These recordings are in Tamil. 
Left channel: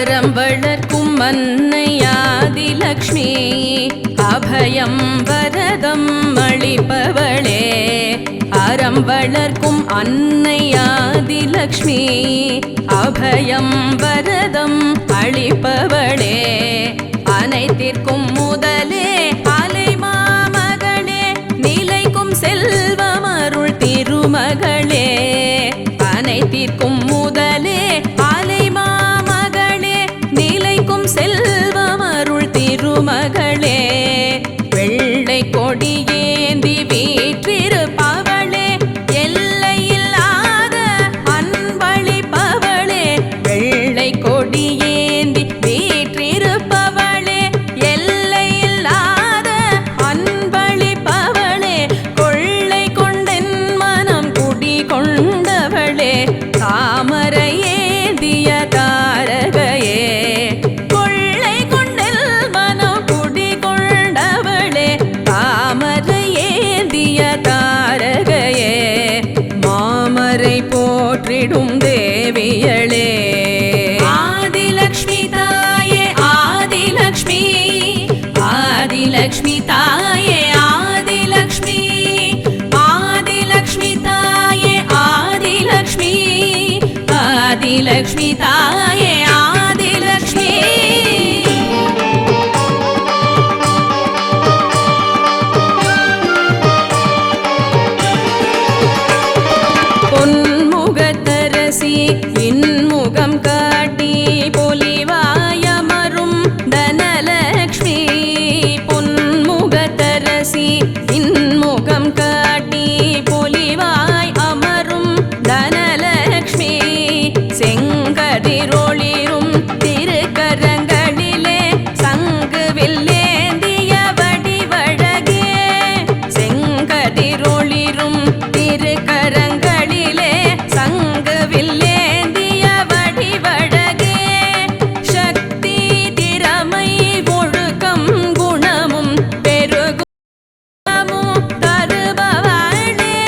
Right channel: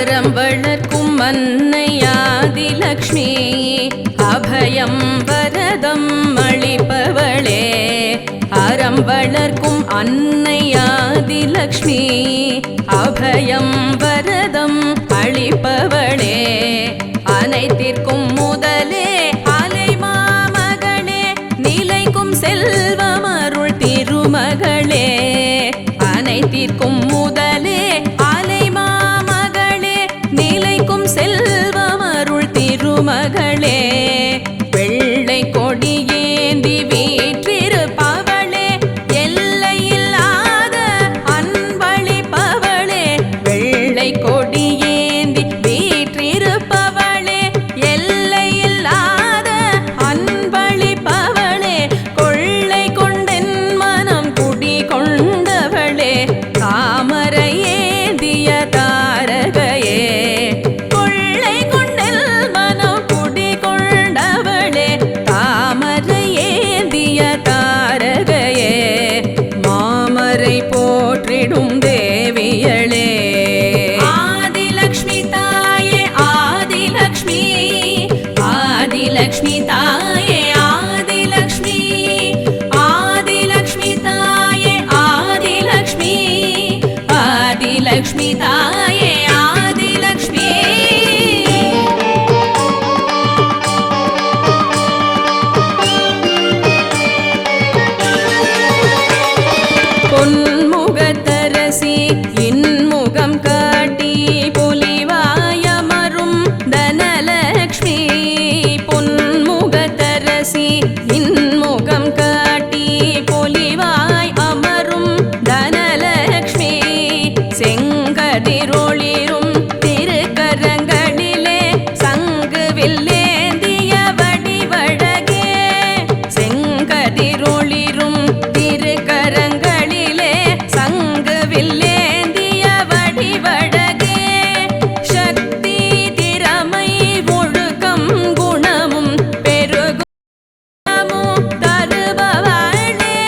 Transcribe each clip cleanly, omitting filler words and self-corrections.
அறம் வளர்க்கும் அன்னையாதிலக்ஷ்மி அபயம் வரதம் அளிப்பவளே. அறம் வளர்க்கும் அன்னையாதிலக்ஷ்மி அபயம் வரதம் அளிப்பவளே. அனைத்திற்கும் முதலே அலைமாமகளே நிலைக்கும் செல்வமருள் திருமகளே. அனைத்திற்கும் முதலே அலைமாமகளே நிலைக்கும் செல்வமருள் திருமகளே. வெள்ளை கொடியேந்தி வீற்றிருப்பவளே எல்லையில்லாத அன்பளிப்பவளே. வெள்ளை கொடியேந்தி வீற்றிருப்பவளே எல்லையில்லாத அன்பளிப்பவளே. கொள்ளை கொண்டென் மனம் குடி கொண்டவளே தாமரை ஏந்திய தாரகையே. கொள்ளை கொண்டெல் மனம் குடி கொண்டவளே தாமரை ஏந்திய தாரகையே. மாமரை போற்றிடும் தேவியளே. ஆதிலக்ஷ்மி தாயே ஆதிலக்ஷ்மி ஆதிலக்ஷ்மி தாயே ஆதிலக்ஷ்மி ஆதிலக்ஷ்மி தாயே ஆதிலக்ஷ்மி ஆதிலக்ஷ்மி தாயே ஆதிலக்ஷ்மி. பொன்முகத்தரசி இன்முகம் காட்டி பொலிவாயமரும் தனலக்ஷ்மி. பொன்முகத்தரசி இன்முகம் காட்டி பொலிவாய் அமரும் தனலக்ஷ்மி. செங்கதிரொளிரும் திருக்கரங்களிலே சங்கு வில்லேந்திய வடிவழகே. செங்கதிரொளிரும் திருக்கரங்களிலே சங்கு வில்லேந்திய வடிவழகே. சக்தி திறமை ஒழுக்கம் குணமும் பெருகுணமும் தருபவளே.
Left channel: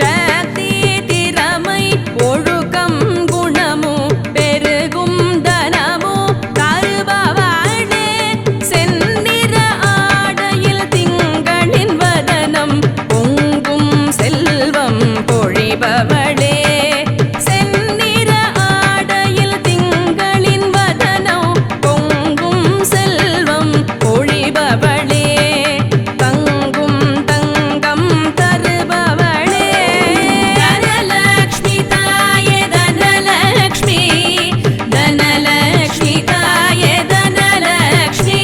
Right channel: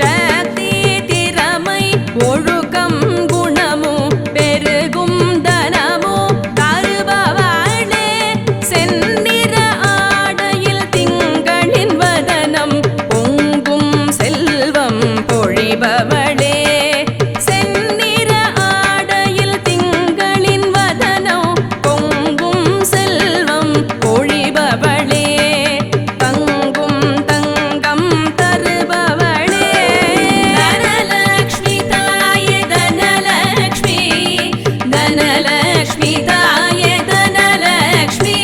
சக்தி திறமை ஒழுக்கம் குணமும் பெருகும் தனமும் தருபவளே. செந்நிற ஆடையில் திங்களின் வதனம் பொங்கும் செல்வம் பொழிபவளே. செந்நிற ஆடையில் திங்களின் வதனம் பொங்கும் செல்வம் பொழிபவளே. தங்கும் தங்கம் தருபவளே. தனலக்ஷ்மி தாயே தனலக்ஷ்மி தனலக்ஷ்மி தாயே தனலக்ஷ்மி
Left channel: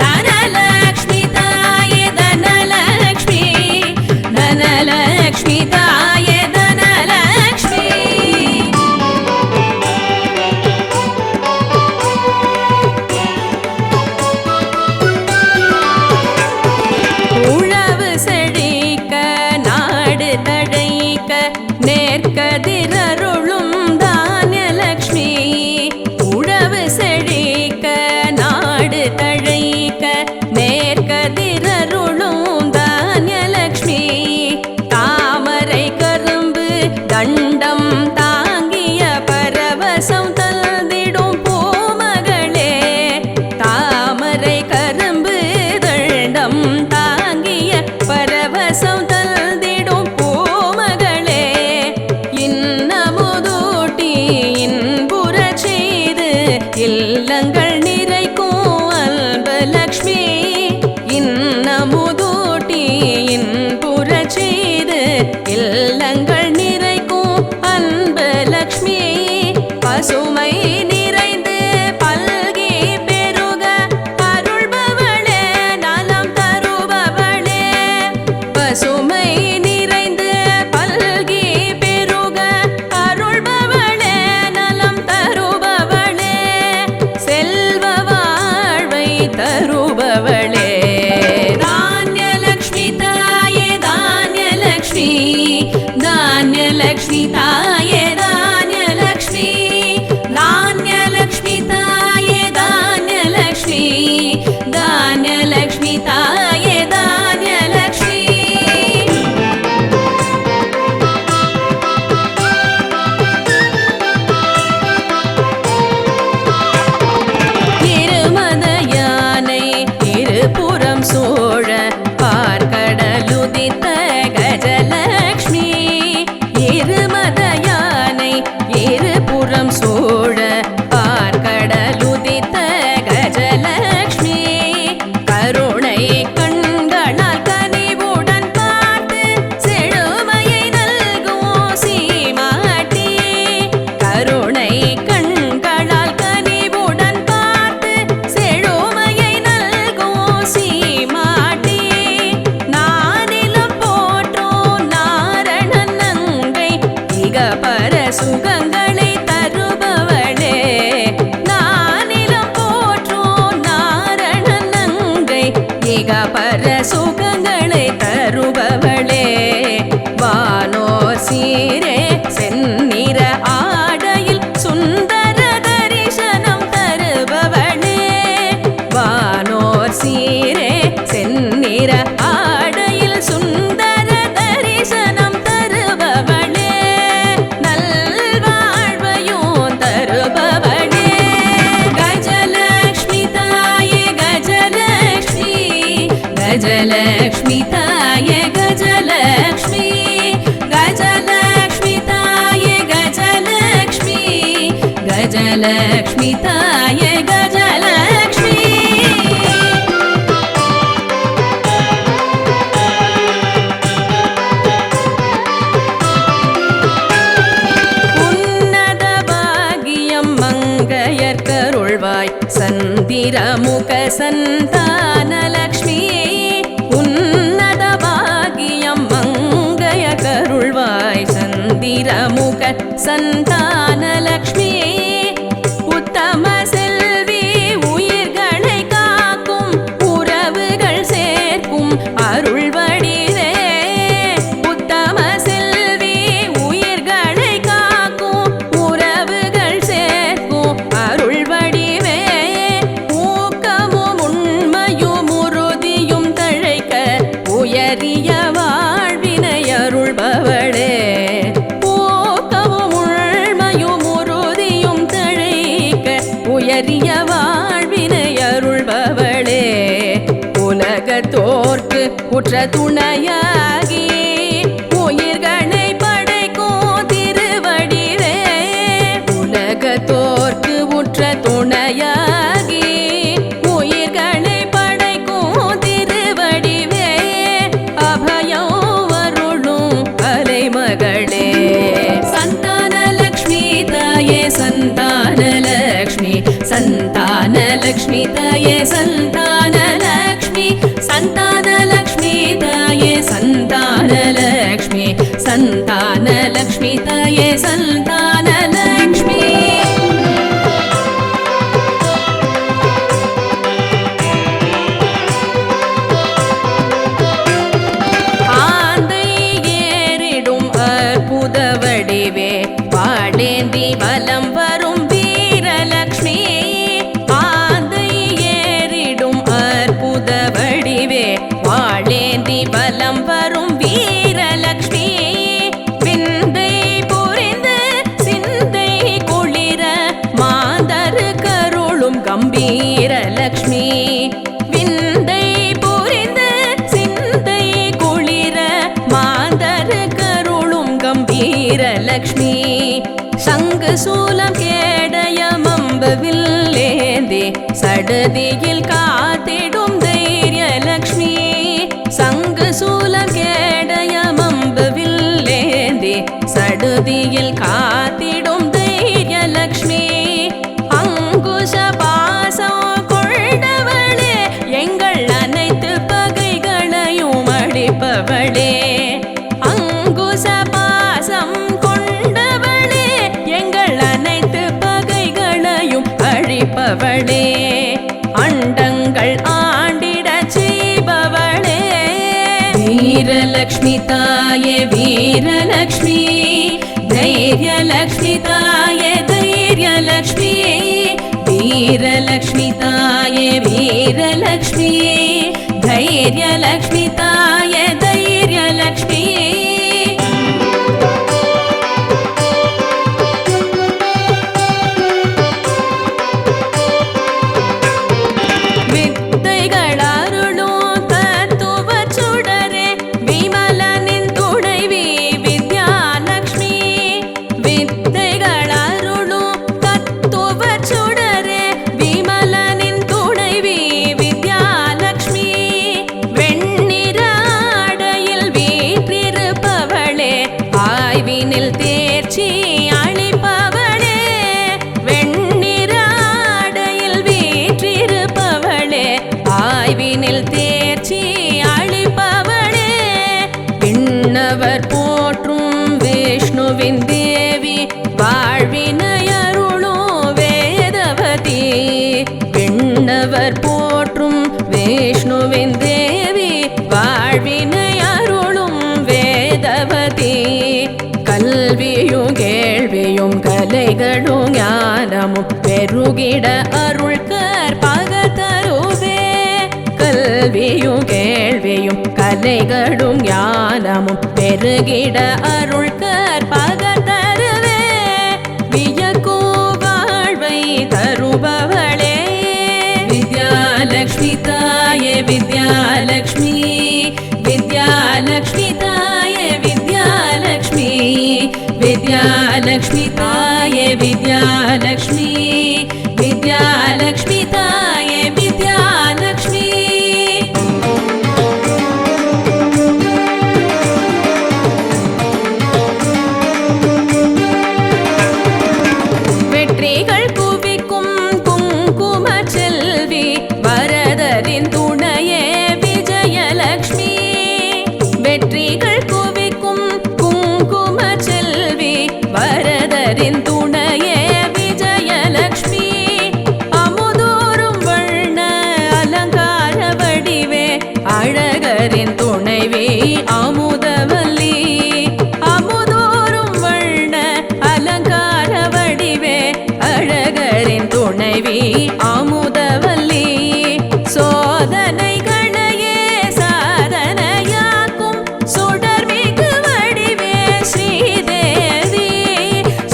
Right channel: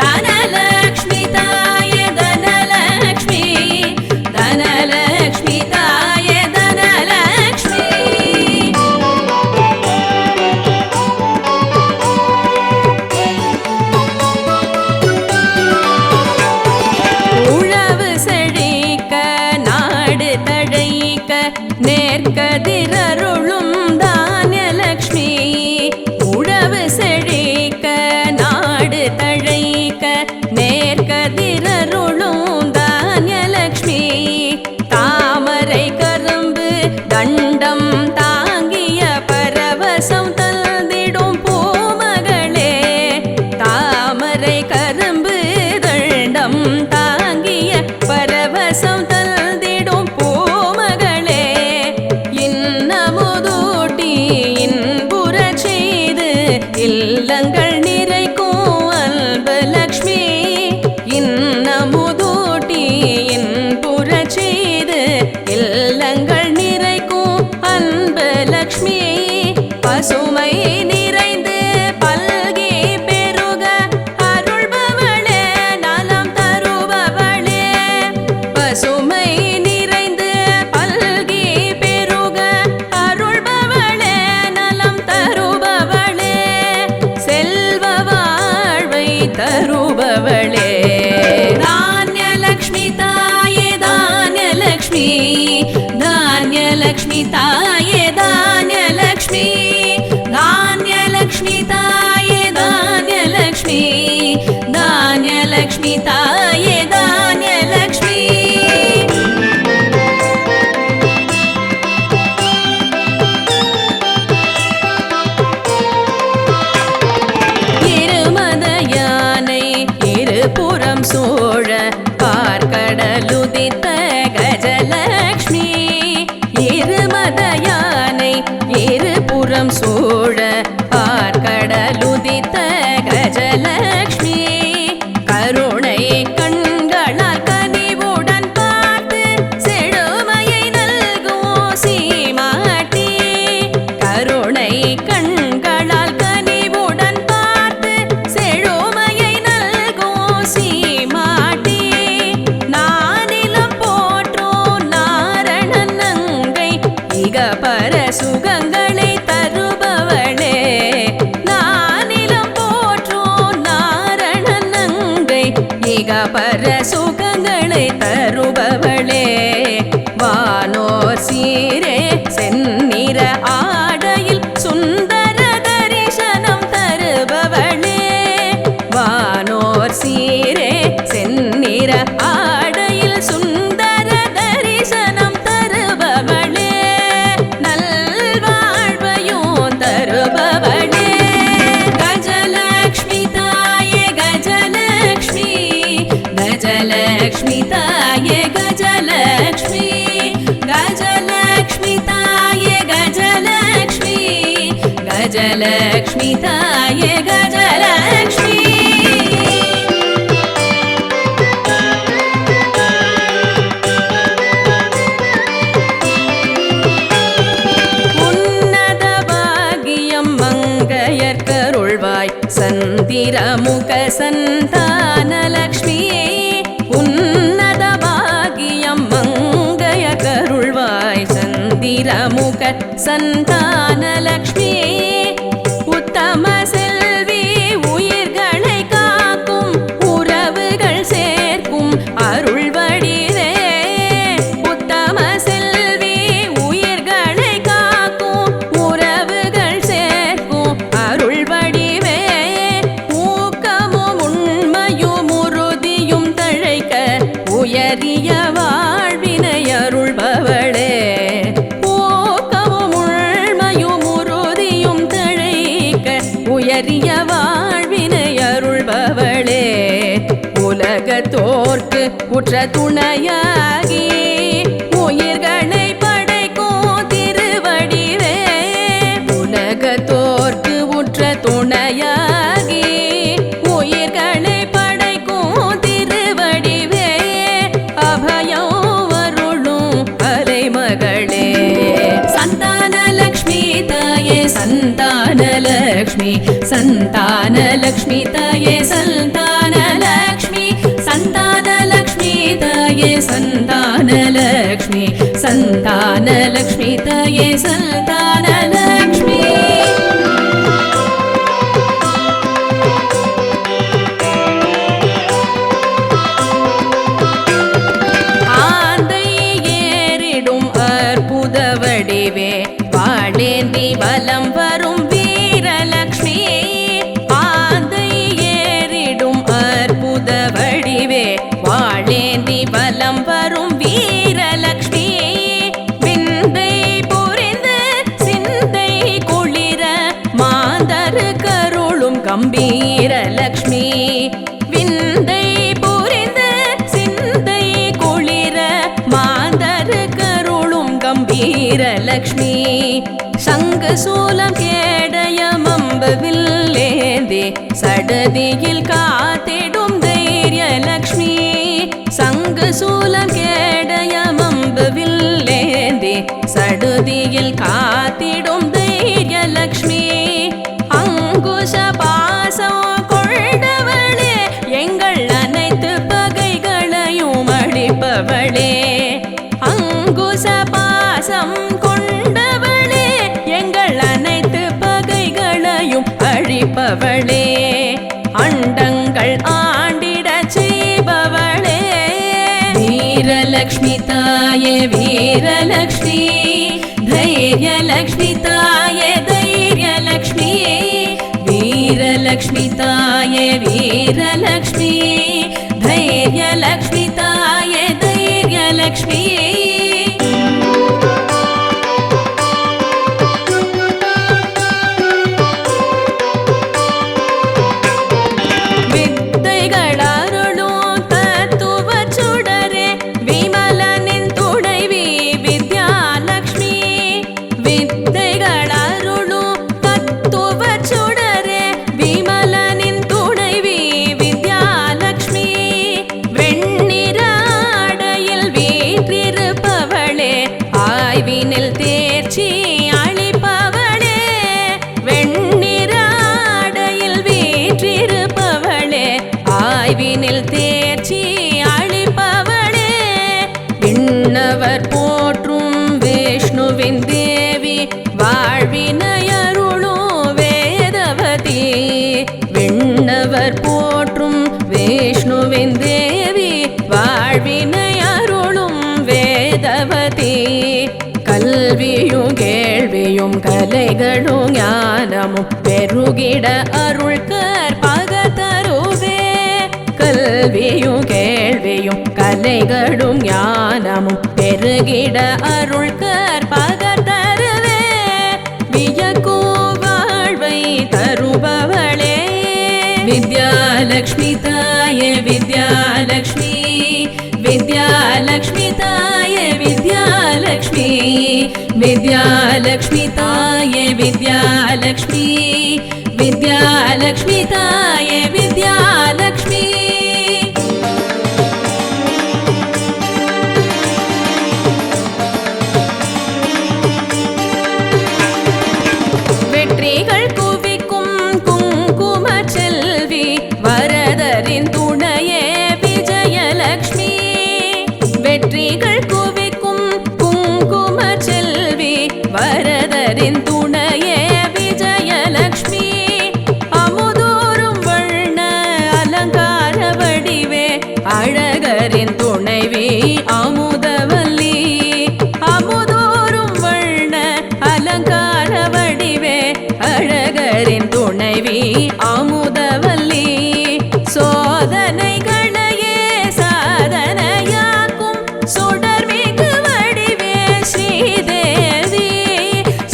தனலக்ஷ்மி தாயே தனலக்ஷ்மி தனலக்ஷ்மி தாயே தனலக்ஷ்மி. உழவு செழிக்க நாடு தழைக்க நேர்கதிரருளும் தானியலக்ஷ்மி. உழவு செழிக்க நாடு தழைக்க நேர்கதிரருளும் தானியலக்ஷ்மி. தாமரை கரும்பு தண்டம் தாங்கிய பரவசம் தந்திடும் பூமகளே. தாமரை கரும்பு தண்டம் தாங்கிய பரவசம் தந்திடும் பூமகளே. இன்னமுதூட்டி இன்புற செய்து இல்லங்கள் நிறைக்கும் அன்பலக்ஷ்மி. இன்னமுதூட்டி இன்புற செய்து இல்லங்கள் நிறைக்கும் அன்பலக்ஷ்மி. பசுமை நிறைந்து பல்கி பெருக அருள்பவளே நலம் தருபவளே. பசுமை நிறைந்து பல்கி பெருக அருள்பவளே நலம் தருபவளே. செல்வ வாழ்வை தருபவளே. தானியலக்ஷ்மி தாயே தானியலக்ஷ்மி தானியலக்ஷ்மி தாயே தானியலக்ஷ்மி தானியலக்ஷ்மி தாயே தானியலக்ஷ்மி தானியலக்ஷ்மி தாயே தானியலக்ஷ்மி. இருபுறம் சூழ பார்க்கடலுதித்த கஜலக்ஷ்மி இருமத யானை இருபுறம் சூழ பார்க்கடலுதித்த கஜலக்ஷ்மி கருணை கண்களால் கனிவுடன் பார்த்து செழுமையை நல்கும் சீமாட்டி கருணை கண்களால் கனிவுடன் பார்த்து செழுமையை நல்கும் சீமாட்டி நானிலம் போற்றும் நாரணன் நங்கை இக பர சுகங்களை தருபவளே நானிலம் போற்றும் நாரணன் நங்கை இக பர சுகங்களை தருபவளே வானோர் சீரே செந்நிற ஆடையில் சுந்தர தரிசனம் தருபவளே வானோர் சீரே செந்நிற ஆடையில் சுந்தர தரிசனம் தருபவளே நல்வாழ்வையும் தருபவளே கஜலக்ஷ்மி தாயே கஜலக்ஷ்மி கஜலக்ஷ்மி தாயே கஜலக்ஷ்மி கஜலக்ஷ்மி தாயே கஜலக்ஷ்மி கஜலக்ஷ்மி தாயே கஜலக்ஷ்மி உன்னத பாகியம் மங்கையர்கருள்வாய் சந்திரமுக சந்தானலக்ஷ்மி உன்னத பாகியம் மங்கைய கருள்வாய் சந்திரமுக சந்தானலக்ஷ்மி உத்தம செல்வி உயிர்களை காக்கும் உறவுகள் சேர்க்கும் அருள்வடிவே உத்தம செல்வி உயிர்களை காக்கும் உறவுகள் சேர்க்கும் அருள்வடிவே ஊக்கமும் உண்மையும் உறுதியும் தழைக்க உயரிய வாழ்வினை அருள்பவளே ஊக்கமும் உண்மையும் உறுதியும் தழைக்க உயரிய வாழ்வினை அருள்பவளே உலகத்தோர்க்கு உற்ற துணையாகி உயிர்களை படைக்கும் திருவடிவே உலகத்தோர்க்கு உற்ற துணையாகி உயிர்களை படைக்கும் திருவடிவே அபயம் வருளும் அலைமகளே சந்தானலக்ஷ்மி தாயே சந்தானலக்ஷ்மி சந்தானலக்ஷ்மி தாயே சந்தானலக்ஷ்மி சந்தானலக்ஷ்மி தாயே சந்தானலக்ஷ்மி சந்தானலக்ஷ்மி தாயே சந்தானலக்ஷ்மி ஆந்தை ஏறிடும் அற்புத வடிவே வாழேந்தி வலம் வரும் வீரலக்ஷ்மி ஆந்தை ஏறிடும் அற்புத வடிவே வாழேந்தி வலம் வரும் வீரலக்ஷ்மி விந்தை புரிந்து சிந்தை குளிர மாந்தரு கருளும் கம்பீரலக்ஷ்மி விந்தை புரிந்து சிந்தை குளிர மாந்தரு கருளும் கம்பீரலக்ஷ்மி சங்கு சூலம் கேடயமம்பு வில்லேந்தி சடுதியில் காத்திடும் தைரியலக்ஷ்மி சங்கு சூலம் கேடயமம்பு வில்லேந்தி சடுதியில் காத்திடும் தைரியலக்ஷ்மி அங்குஷ பாசம் கொண்டவளே எங்கள் அனைத்து பகைகளையும் அழிப்பவளே அங்குச பாசம் கொண்டவளே எங்கள் அனைத்து பகைகளையும் அழிப்பவளே அண்டங்கள் ஆண்டிட செய்பவளே வீரலக்ஷ்மி தாயே வீரலக்ஷ்மி தைரியலக்ஷ்மி தாயே தைரியலக்ஷ்மி வீரலக்ஷ்மி தாயே வீரலக்ஷ்மி தைரியலக்ஷ்மி தாயே தைரியலக்ஷ்மி வித்தைகள் ஆய்வினில் தேர்ச்சி அளிப்பவளே விண்ணவர் போற்றும் விஷ்ணுவின் தேவி வாழ்வினையருளும் வேதவதி விண்ணவர் போற்றும் விஷ்ணுவின் தேவி வாழ்வினையருளும் வேதவதி கல்வியும் கேள்வியும் கலைகளும் ஞானமும் பெருகிட அருள் கற்பக தருவே கல்வியும் கேள்வியும் கலைகளும் ஞானமும் பெருகிட அருள் கற்பக தருவே வியக்கும் வாழ்வை தருபவளே வித்யாலக்ஷ்மி தாயே வித்யாலக்ஷ்மி வித்யாலக்ஷ்மி தாயே வித்யாலக்ஷ்மி வித்யாலக்ஷ்மி தாயே வித்யாலக்ஷ்மி வித்யாலக்ஷ்மி தாயே வித்யாலக்ஷ்மி வெற்றிகள் குவிக்கும் குங்கும செல்வி வரதரின் துணையே விஜயலக்ஷ்மி வெற்றிகள் குவிக்கும் குங்கும செல்வி வரதரின் துணையே விஜயலக்ஷ்மி அமுதோறும் வண்ண அலங்கார வடிவே அழகரின் துணைவி அமுதவல்லி அமுதோறும் வண்ண அலங்கார வடிவே அழகரின் துணைவி அமுதவல்லி சோதனைகளையே சாதனையாக்கும் சுடர்மிகு வடிவே ஸ்ரீதேவி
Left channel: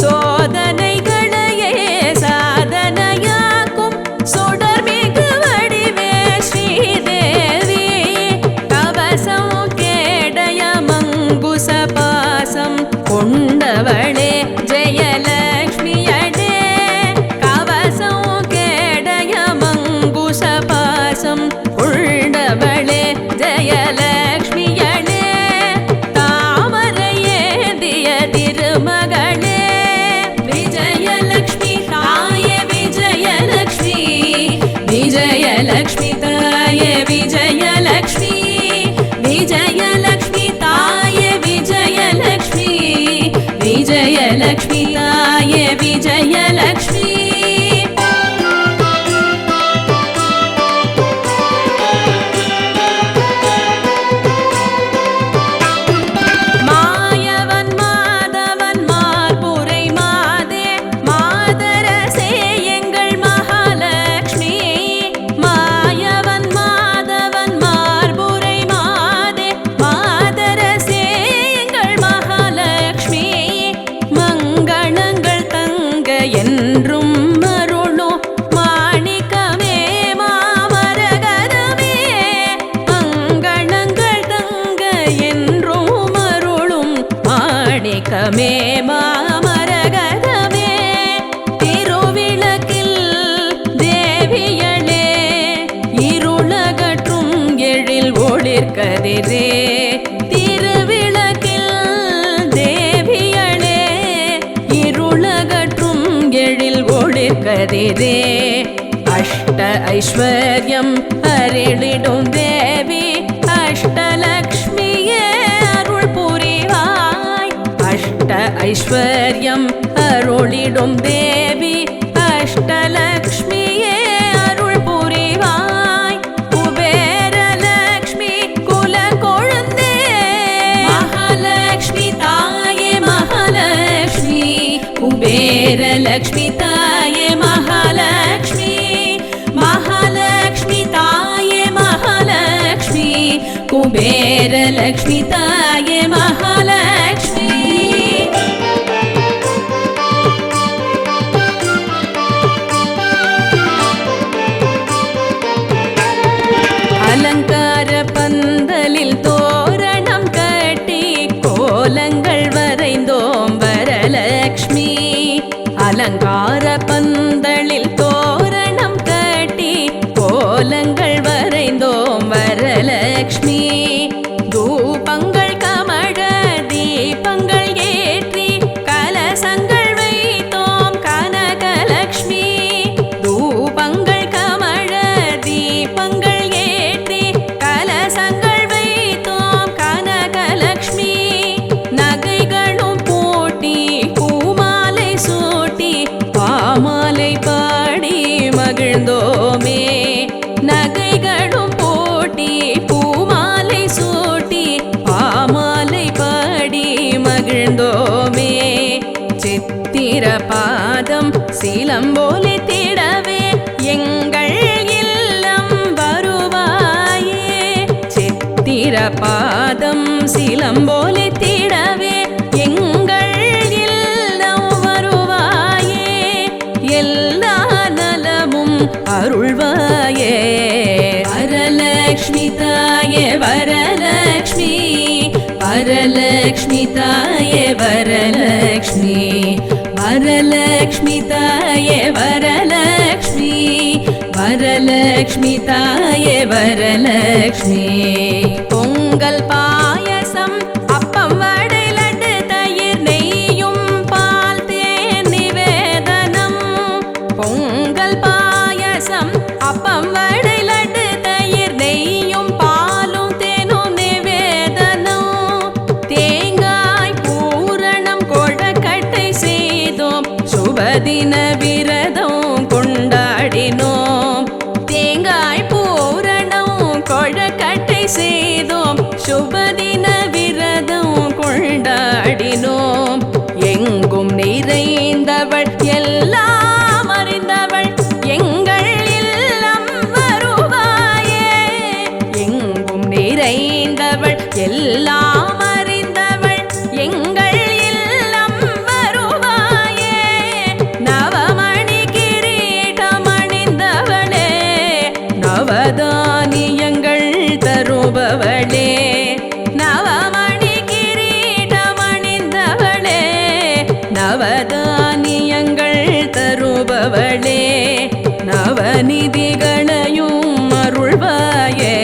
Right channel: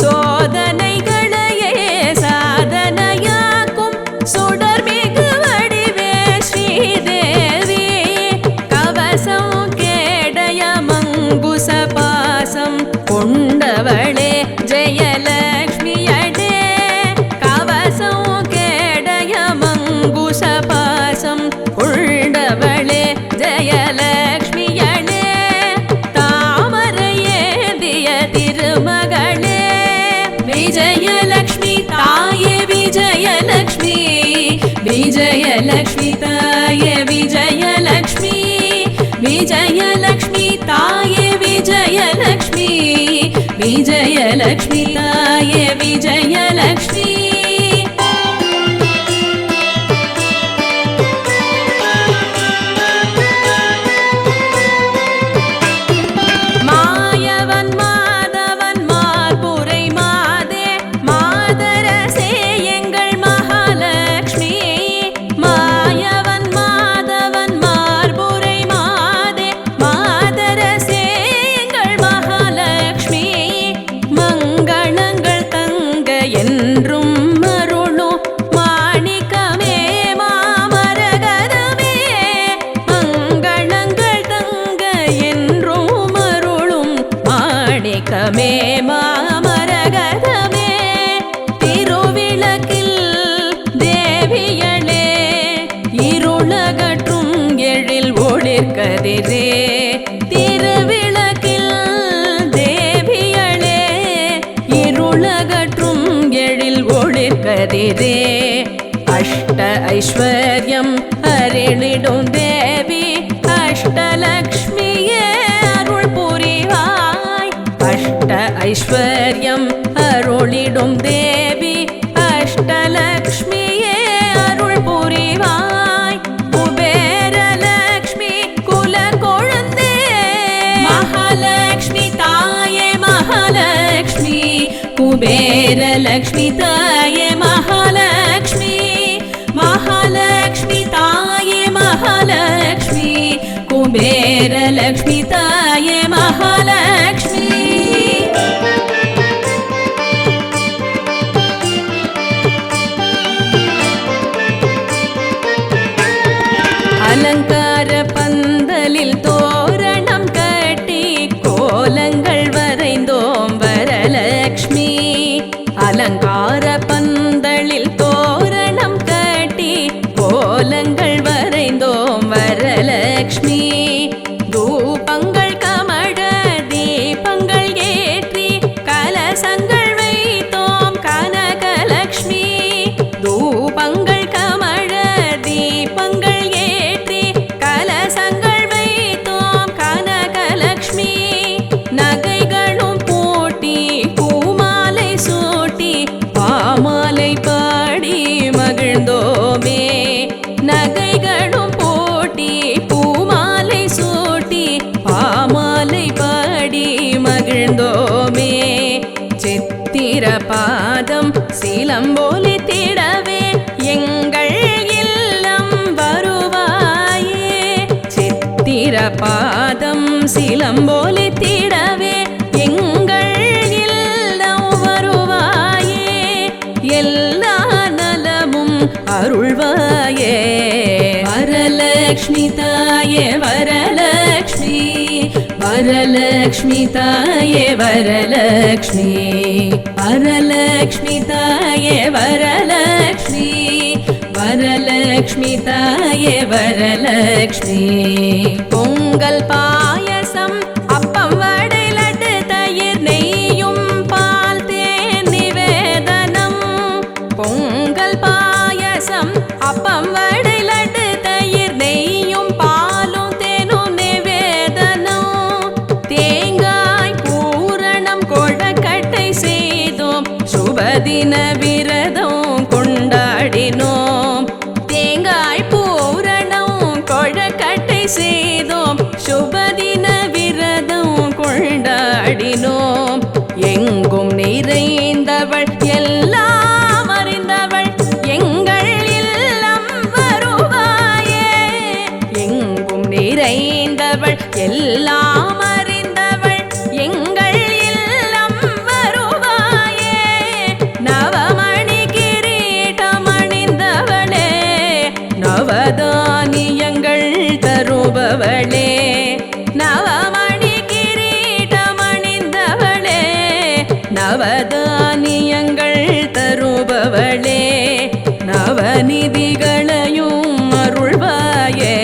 சோதனைகளையே சாதனையாக்கும் சுடர்மிகு வடிவே ஸ்ரீதேவி கவசம் கேடய மங்குச பாசம் கொண்டவளே ஜெயலக்ஷ்மியடே கவசம் கேடய மங்குச பாசம் கொண்டவளே ஜெயலக்ஷ்மியடே தாமரையேந்திய திருமகளே விஜயலக்ஷ்மி தாயே விஜயலக்ஷ்மி விஜயலக்ஷ்மி தாயே விஜயலக்ஷ்மி விஜயலக்ஷ்மி தாயே விஜயலக்ஷ்மி விஜயலக்ஷ்மி தாயே விஜயலக்ஷ்மி மாயவன் மாதவன் மார்புரை மாதே மாதரசே எங்கள் மகாலட்சுமி மாயவன் மாதவன் மார்புரை மாதே மாதரசே எங்கள் மகாலட்சுமி மங்களங்கள் தங்க என்றும் அருளும் மாணிக்கமே மாமரகதமே மங்களங்கள் தங்க என்றும் அருளும் மாணிக்கமே மாமரகதமே திருவிளக்கில் தேவியளே இருளகற்றும் எழில் ஒளிர்கதிரே திருவிளக்கில் தேவியளே இருளகற்றும் எழில் ஒளிர்கதிரே அஷ்ட ஐஸ்வர்யம் அருளிடும் தேவி அஷ்டலக்ஷ்மியே அருள் புரிவாய் அஷ்ட ஐஸ்வர்யம் அருளிடும் தேவி அஷ்டலக்ஷ்மியே அருள் புரிவாய் குபேரலக்ஷ்மி குல கொழுந்தே மகாலட்சுமி தாயே மகாலட்சுமி குபேரலக்ஷ்மி தாயே மகாலட்சுமி மகாலட்சுமி தாயே மகாலட்சுமி குபேரலக்ஷ்மி தாயே மகாலட்சுமி அலங்கார பந்தலில் தோரணம் கட்டி கோலங்கள் வரைந்தோம் வரலக்ஷ்மி அலங்கார பந்தலில் தோரணம் கட்டி கோலங்கள் வரைந்தோம் வரலக்ஷ்மி தூபங்கள் கமழ தீபங்கள் ஏற்றி கலசங்கள் வைத்தோம் கனகலக்ஷ்மி தூபங்கள் கமழ தீபங்கள் ஏற்றி மாலை பாடி மகிழ்ந்தோமே. நகைகளும் போட்டி பூமாலை சூட்டி பாமாலை பாடி மகிழ்ந்தோமே. சித்திர பாதம் சிலம்போலி திடவே எங்கள் இல்லம் வருவாயே. சித்திர பாதம் சிலம்போலி திடவே எங்கள் இல்லம் வருவாயே. எல்லா நலமும் அருள்வாயே. வரலக்ஷ்மி தாயே வரலக்ஷ்மி, வரலக்ஷ்மி தாயே வரலக்ஷ்மி, வரலக்ஷ்மி தாயே வரலக்ஷ்மி, வரலக்ஷ்மி தாயே வரலக்ஷ்மி. பொங்கல் பாயசம் அப்பம் வடை லட்டு தயிர் நெய்யும் பால் தேன் நிவேதனம். பொங்கல் பாயசம் அப்பம் வடை லட்டு தயிர் நெய்யும் பாலும் தேனும் நிவேதனம். தேங்காய் பூரணம் கொழக்கட்டை செய்தோம் சுபதின விரதம் கொண்டாடினோம். தேங்காய் பூரணம் கொழக்கட்டை செய்தோம் சுபதின விரதம் கொண்டாடினோம். எங்கும் நிறைந்தவள் எல்லாம் அறிந்தவள் எங்கள் இல்லம் வருவாயே. எங்கும் நிறைந்தவள் எல்லாம் அறிந்தவள் எங்கள் இல்லம் வருவாயே. நவமணி கிரீடம் அணிந்தவளே, நவதானியங்கள் தருபவளே. நவமணி கிரீடம் அணிந்தவளே, நவதானியங்கள் தருபவளே. நவநிதிகளையும் அருள்வாயே.